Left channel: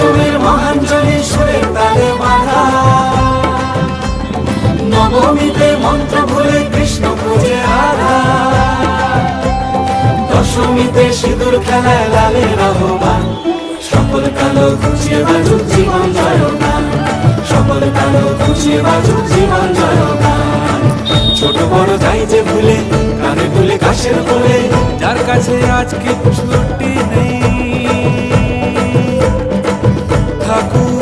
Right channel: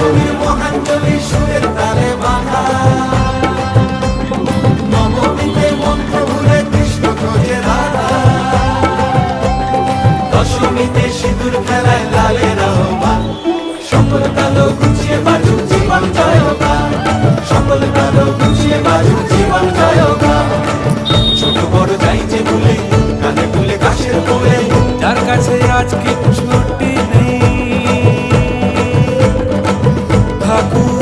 অষ্টমীর মহাঞ্জলি সুরের তালে বাঁধা, নবমীতে মন্ত্র ভুলে কৃষ্ণ খোঁজে রাধা, দশমীতে সিঁদুর খেলায় লালের আহ্বান, সকল কালো ঘুচিয়ে বাজুক জীবন জয়গান, সকল কালো ঘুচিয়ে বাজুক জীবন জয়গান। ছোট বড় যাই যে ভুলে কানে তুলে কাশের কোলে, যার কাছে আজ কিচ্ছুটি নেই, থাকুক